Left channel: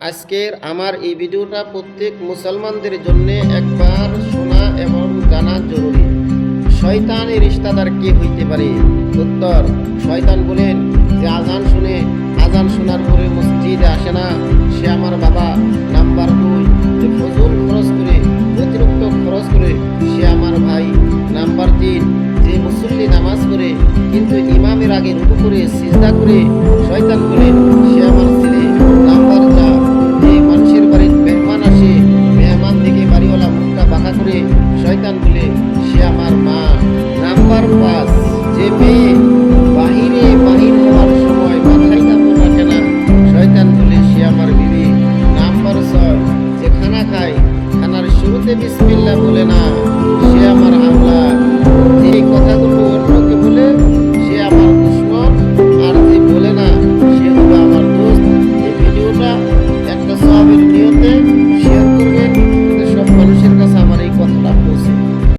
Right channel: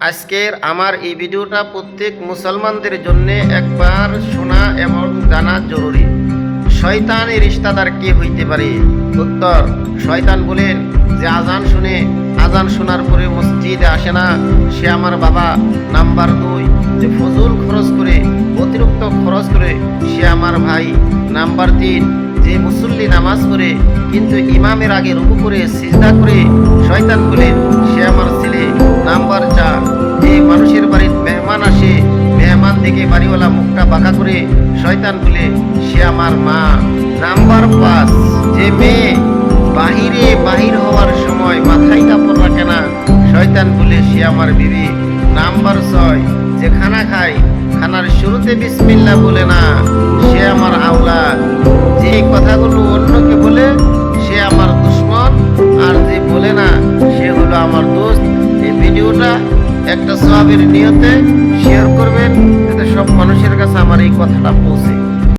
আজকের আমার এই ভিডিওটা প্রত্যেক মুসলমানদের জন্য একবার শোনা এবং জানা জরুরি। শয়তানের রিশতাদার কে হইতে পারে? উত্তর, শয়তান বলেন যে আজান শোনার পরে মসজিদে আসে না, সে আমার বাবা। নাম্বার 2, যে ফজল খরচ করে, অতিরিক্ত খরচ করে, সে আমার ভাই। নাম্বার 3, যে মুসল্লি নামাজ পড়ে কিন্তু ইমামের আগে রুকু করে সিজদা করে, শয়তান বলেন সে আমার ছেলে। নাম্বার 4, যে মানুষের বাড়ির মেহমান আসে, মেহমান দেখে বাড়িওয়ালা মুখটা বাঁকা করে, শয়তান বলে সে আমার মা। নাম্বার 5, যে মেয়ে বাহির হওয়ার সময় মাথায় কাপড় রাখে না, শয়তান বলে সে আমার বিবি। নাম্বার 6, যে খানা খায়, খানার শুরুতে বিসমিল্লাহ বলে না, সে আমার আওলাদ। যে কথাগুলো অন্যকে বলে সে আমার দুশমন, আর যে বলে না সে হলো আমার দোস্ত। এই ভিডিওটা একটা সওয়াবের নিয়তে শেয়ার করবেন, যাতে সব মানুষের কাছে আমার এই কথাটা পৌঁছে।